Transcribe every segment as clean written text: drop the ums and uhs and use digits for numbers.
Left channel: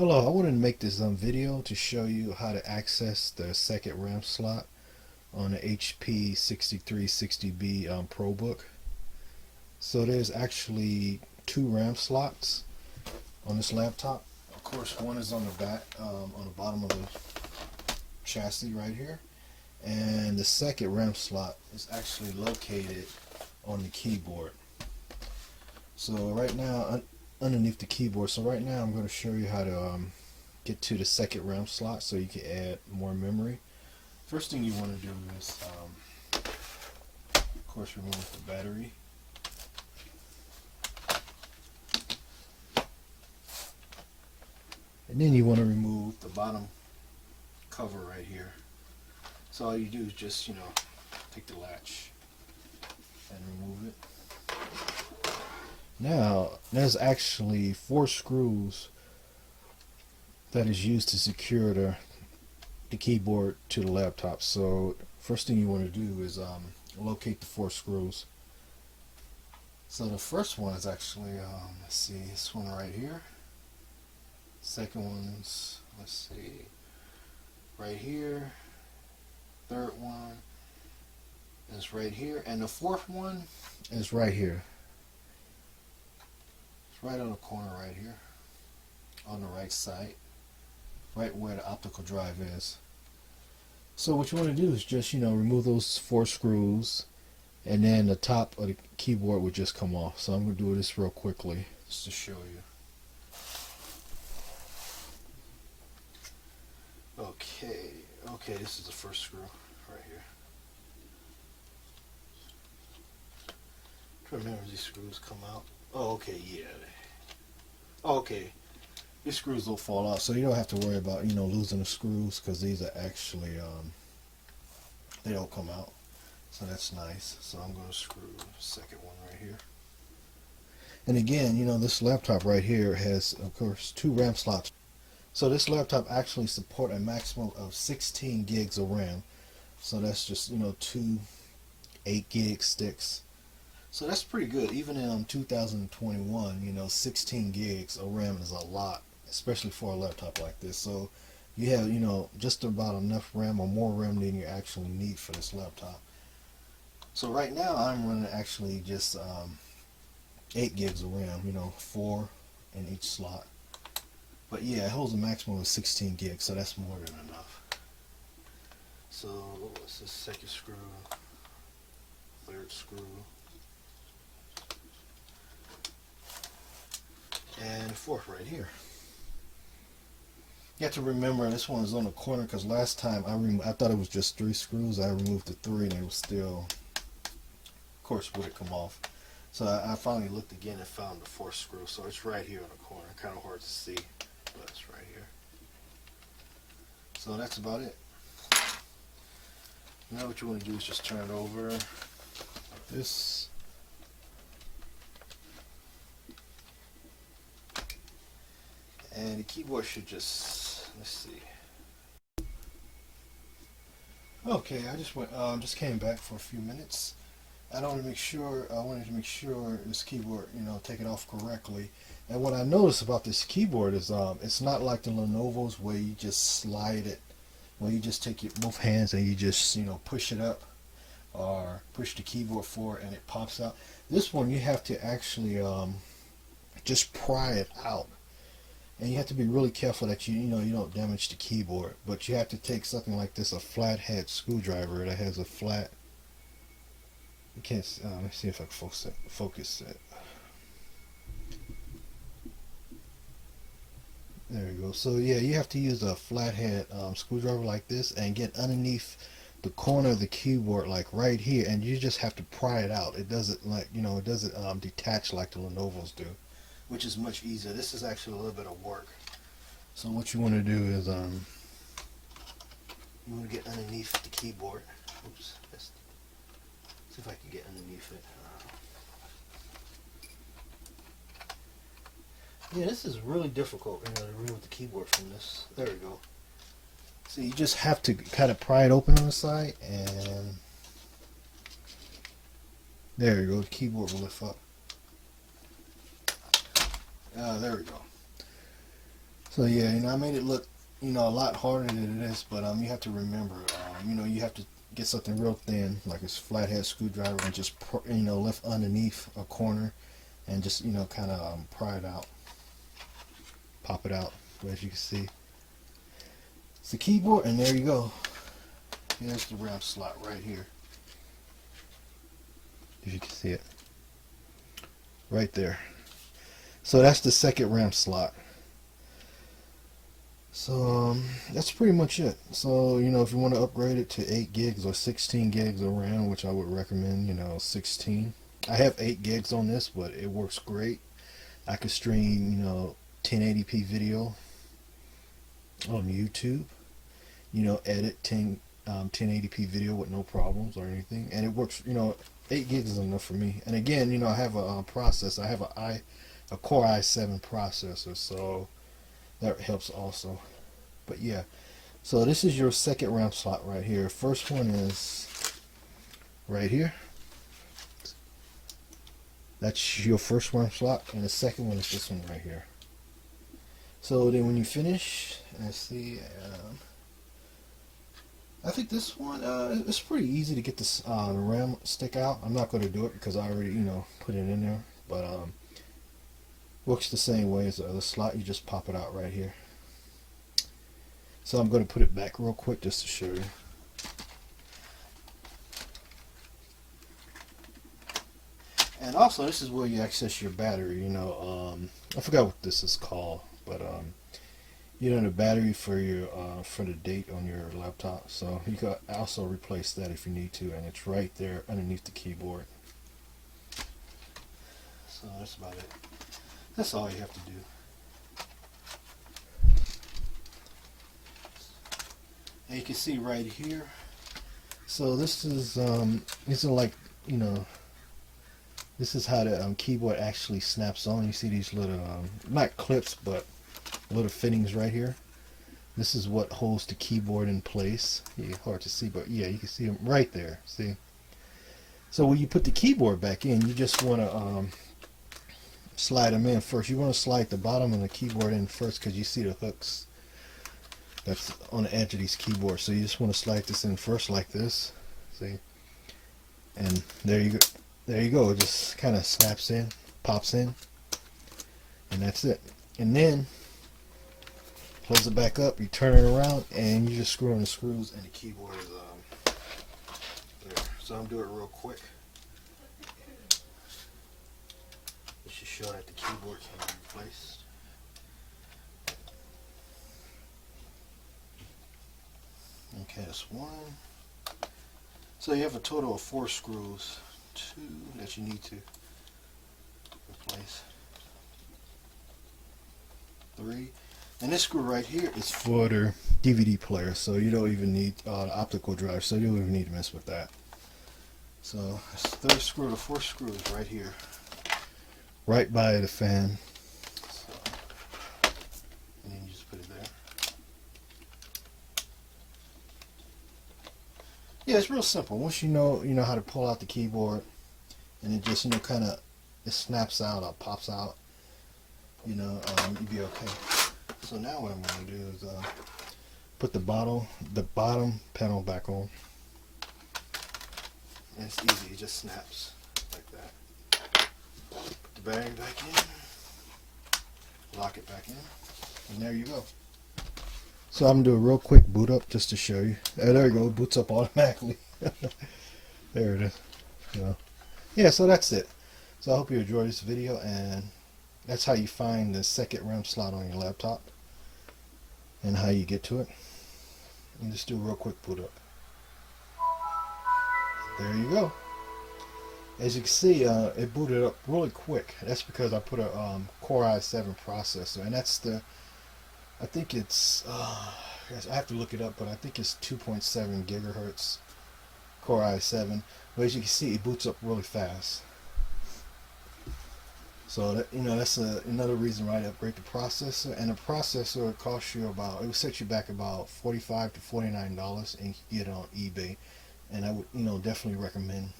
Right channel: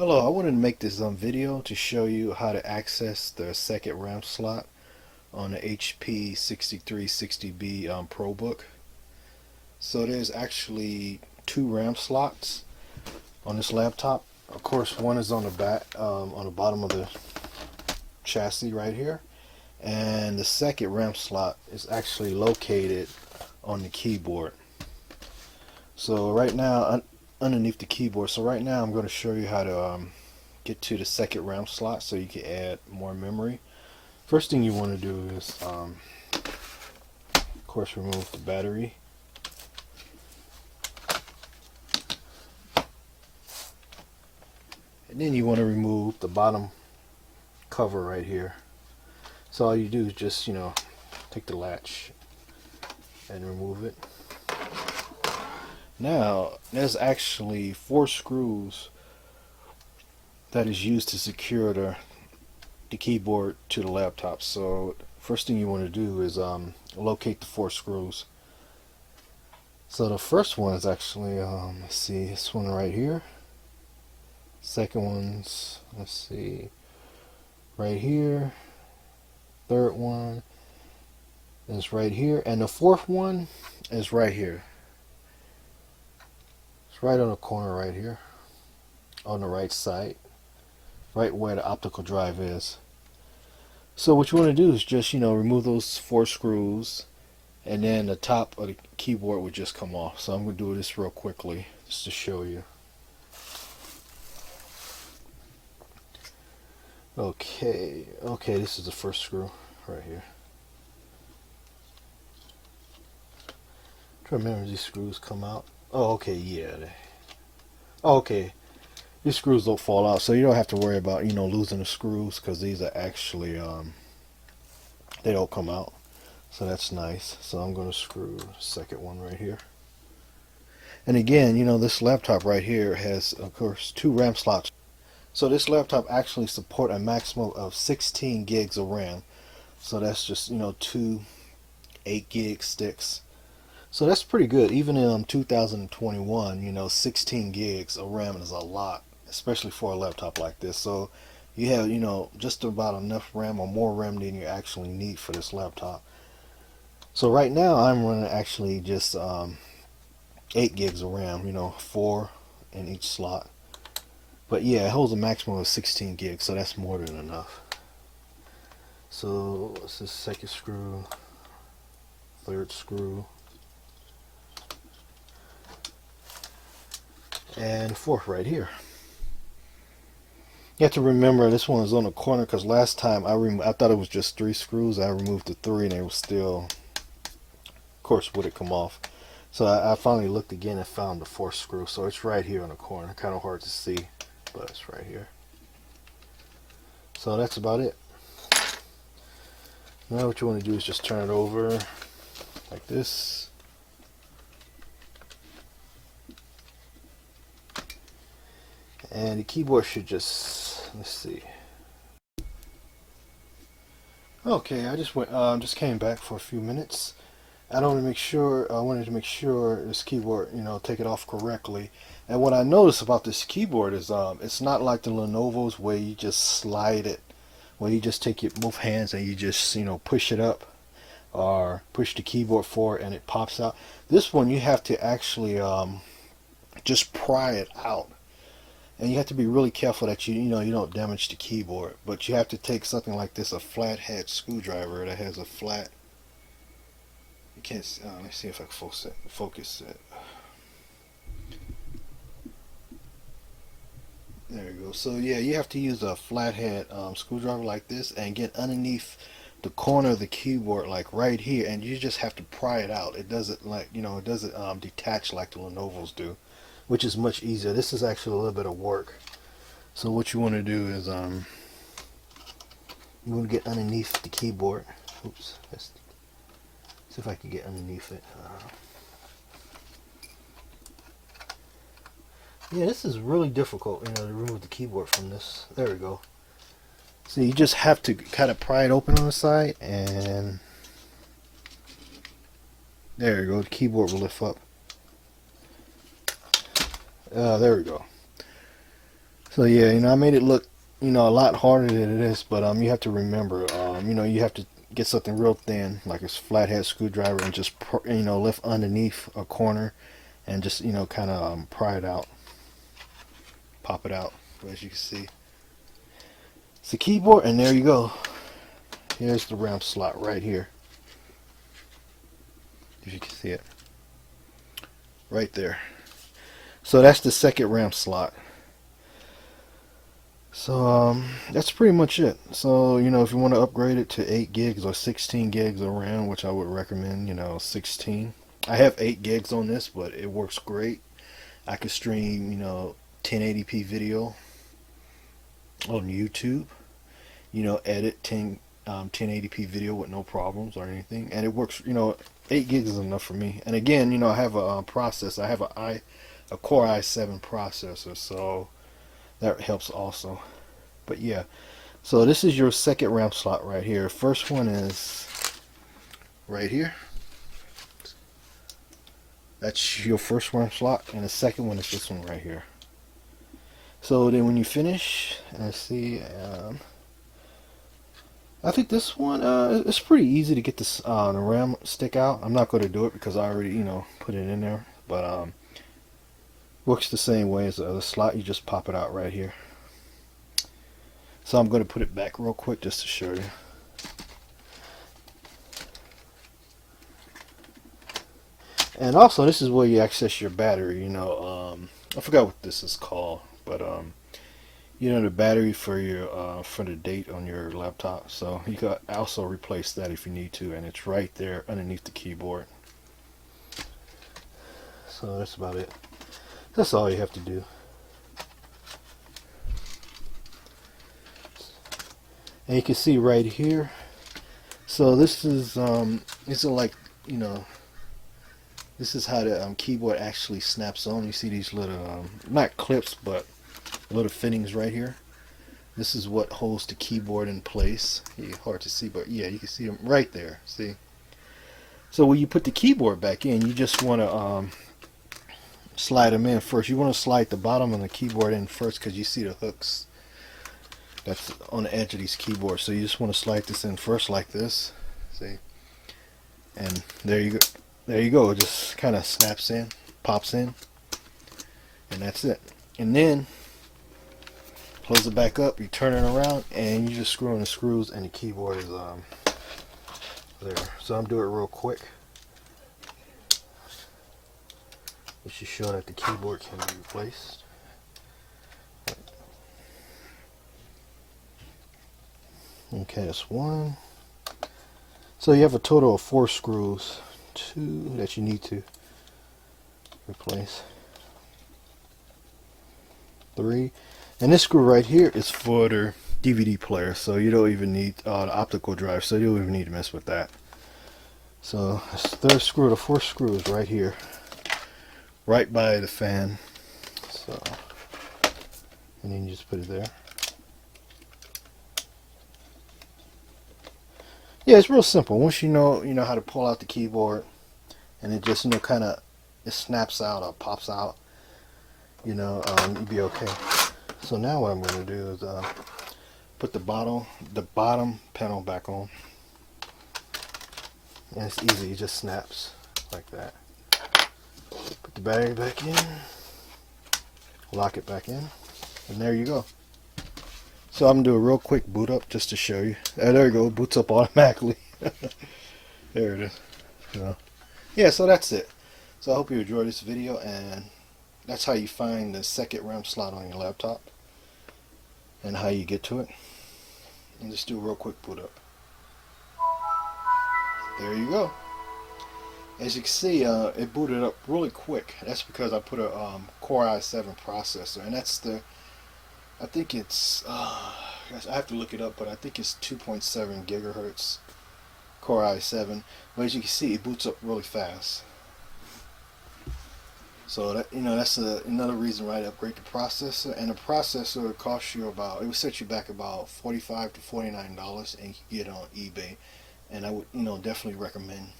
Hello, I wanted to make this video to show you how to access the second RAM slot on the HP 6360B ProBook. So there's actually two RAM slots on this laptop. Of course, one is on the back, on the bottom of the chassis right here, and the second RAM slot is actually located on the keyboard. So right now, underneath the keyboard. So right now, I'm going to show you how to get to the second RAM slot so you can add more memory. First thing you want to do is, of course, remove the battery. And then you want to remove the bottom cover right here. So all you do is just, take the latch and remove it. Now, there's actually 4 screws that is used to secure the keyboard to the laptop. So first thing you want to do is locate the 4 screws. So the first one is actually, let's see, this one right here. Second one's, let's see, right here. Third one is right here. And the fourth one is right here. It's right on the corner right here. On the right side. Right where the optical drive is. So what you want to do is just, remove those 4 screws, and then the top of the keyboard would just come off. So I'm going to do this real quickly just to show you. Okay, this is the first screw right here. Try to remember these screws come out. Oh, okay, yeah. Okay. These screws don't fall out, so you don't have to worry about, losing the screws, because these are actually, they don't come out. So that's nice. So I'm going to screw the second one right here. And again, this laptop right here has, of course, 2 RAM slots. So this laptop actually supports a maximum of 16 gigs of RAM. So that's just, 2 8-gig sticks. So that's pretty good. Even in 2021, 16 gigs of RAM is a lot, especially for a laptop like this. So you have, just about enough RAM or more RAM than you actually need for this laptop. So right now I'm running actually just 8 gigs of RAM, 4 in each slot. But yeah, it holds a maximum of 16 gigs, so that's more than enough. So what's this second screw, third screw, and fourth right here. You have to remember this one is on the corner, because last time I thought it was just 3 screws. I removed the 3 and they were still, of course, would it come off. So I finally looked again and found the 4th screw. So it's right here on the corner. Kind of hard to see, but it's right here. So that's about it. Now what you want to do is just turn it over like this. And the keyboard should just, let's see. Okay, I just came back for a few minutes. I wanted to make sure this keyboard, take it off correctly. And what I noticed about this keyboard is, it's not like the Lenovo's where you just slide it, where you just take your both hands and you just, push it up, or push the keyboard forward and it pops out. This one you have to actually just pry it out. And you have to be really careful that you don't damage the keyboard. But you have to take something like this, a flathead screwdriver that has a flat. You can't. Let's see if I can focus it. There we go. So yeah, you have to use a flathead screwdriver like this and get underneath the corner of the keyboard, like right here, and you just have to pry it out. It doesn't it doesn't detach like the Lenovo's do, which is much easier. This is actually a little bit of work. So what you want to do is you want to get underneath the keyboard. Oops, let's see if I can get underneath it. Yeah, this is really difficult, to remove the keyboard from this. There we go. So you just have to kind of pry it open on the side, and there you go. The keyboard will lift up. There we go. So yeah, I made it look, a lot harder than it is, but you have to remember, you have to get something real thin, like a flathead screwdriver, and just lift underneath a corner, and just kind of pry it out, pop it out, as you can see. It's the keyboard, and there you go. Here's the RAM slot right here. As you can see it, right there. So that's the second RAM slot. So that's pretty much it. So if you want to upgrade it to 8 gigs or 16 gigs of RAM, which I would recommend, 16. I have 8 gigs on this, but it works great. I can stream 1080p video on YouTube. Edit 1080p video with no problems or anything, and it works. 8 gigs is enough for me. And again, I have a processor. I have a Core i7 processor, so that helps also. But yeah, so this is your second RAM slot right here. First one is right here. That's your first RAM slot, and the second one is this one right here. So then when you finish, I see, I think this one, it's pretty easy to get this the RAM stick out. I'm not going to do it because I already, put it in there. But works the same way as the other slot. You just pop it out right here. So I'm going to put it back real quick just to show you. And also, this is where you access your battery. I forgot what this is called, but the battery for your for the date on your laptop. So you can also replace that if you need to, and it's right there underneath the keyboard. So that's about it. That's all you have to do. And you can see right here. So this is like this is how the keyboard actually snaps on. You see these little not clips, but little fittings right here. This is what holds the keyboard in place. Yeah, hard to see, but yeah, you can see them right there. See. So when you put the keyboard back in, you just want to slide them in first. You want to slide the bottom of the keyboard in first because you see the hooks that's on the edge of these keyboards. So you just want to slide this in first like this. See? And there you go. There you go. It just kind of snaps in, pops in, and that's it. And then close it back up. You turn it around, and you just screw in the screws, and the keyboard is there. So I'm doing it real quick. It's just showing that the keyboard can be replaced. Okay, that's one. So you have a total of 4 screws, 2 that you need to replace, 3, and this screw right here is for the DVD player, so you don't even need the optical drive, so you don't even need to mess with that. So this third screw, the 4th screw is right here, right by the fan. So, and then you just put it there. Yeah, it's real simple. Once you know how to pull out the keyboard, and it just kind of it snaps out or pops out, you'll be okay. So now what I'm going to do is put the bottom panel back on, and it's easy. It just snaps like that. Put the battery back in, lock it back in, and there you go. So I'm going to do a real quick boot up just to show you. There you go, it boots up automatically. There it is. Yeah, so that's it. So I hope you enjoyed this video, and that's how you find the second RAM slot on your laptop and how you get to it. And just do a real quick boot up. There you go. As you can see, it booted up really quick. That's because I put a Core i7 processor, and that's the, I think it's, I have to look it up, but I think it's 2.7 gigahertz Core i7. But as you can see, it boots up really fast. So that, that's another reason why I upgrade the processor. And the processor would cost you about, it would set you back about $45 to $49, and you can get it on eBay. And I would, definitely recommend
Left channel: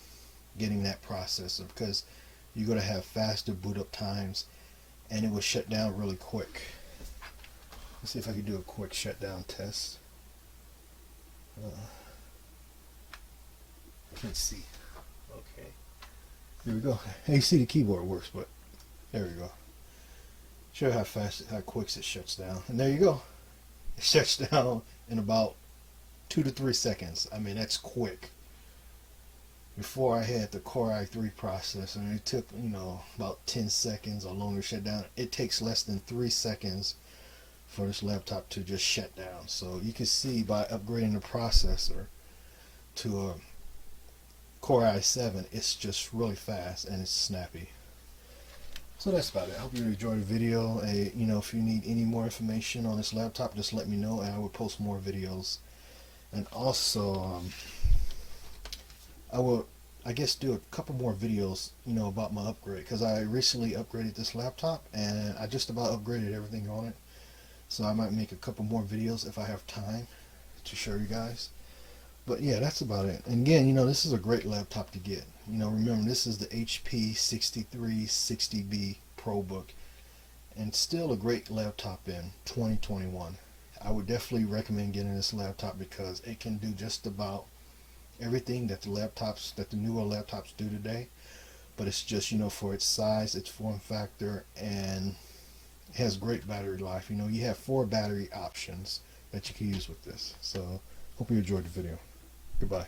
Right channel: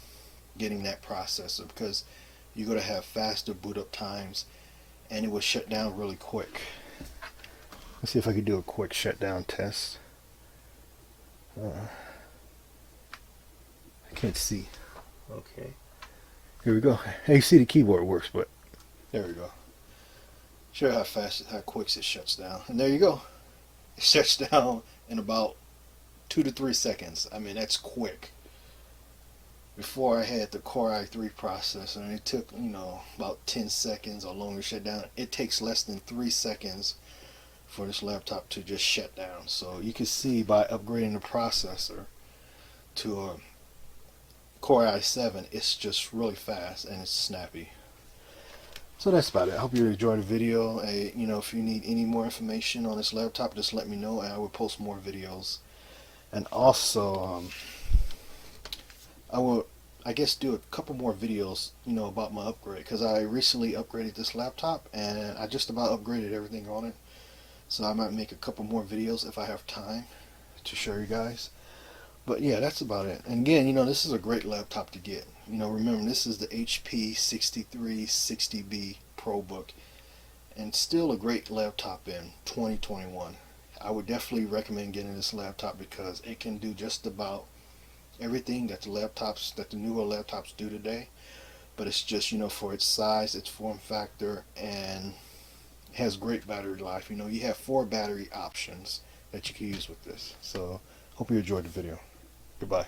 getting that processor because you're going to have faster boot up times, and it will shut down really quick. Let's see if I can do a quick shutdown test. I can't see. Okay. Here we go. Hey, you see the keyboard works, but there we go. Show how fast, how quick it shuts down. And there you go. It shuts down in about 2 to 3 seconds. I mean, that's quick. Before I had the Core i3 processor, and it took, about 10 seconds or longer to shut down. It takes less than 3 seconds for this laptop to just shut down. So you can see by upgrading the processor to a Core i7, it's just really fast and it's snappy. So that's about it. I hope you enjoyed the video. If you need any more information on this laptop, just let me know and I will post more videos. And also, I will, I guess, do a couple more videos, about my upgrade, because I recently upgraded this laptop and I just about upgraded everything on it. So I might make a couple more videos if I have time to show you guys. But yeah, that's about it. And again, this is a great laptop to get. Remember, this is the HP 6360B ProBook, and still a great laptop in 2021. I would definitely recommend getting this laptop because it can do just about everything that the newer laptops do today. But it's just, for its size, its form factor, and it has great battery life. You have 4 battery options that you can use with this. So hope you enjoyed the video. Goodbye.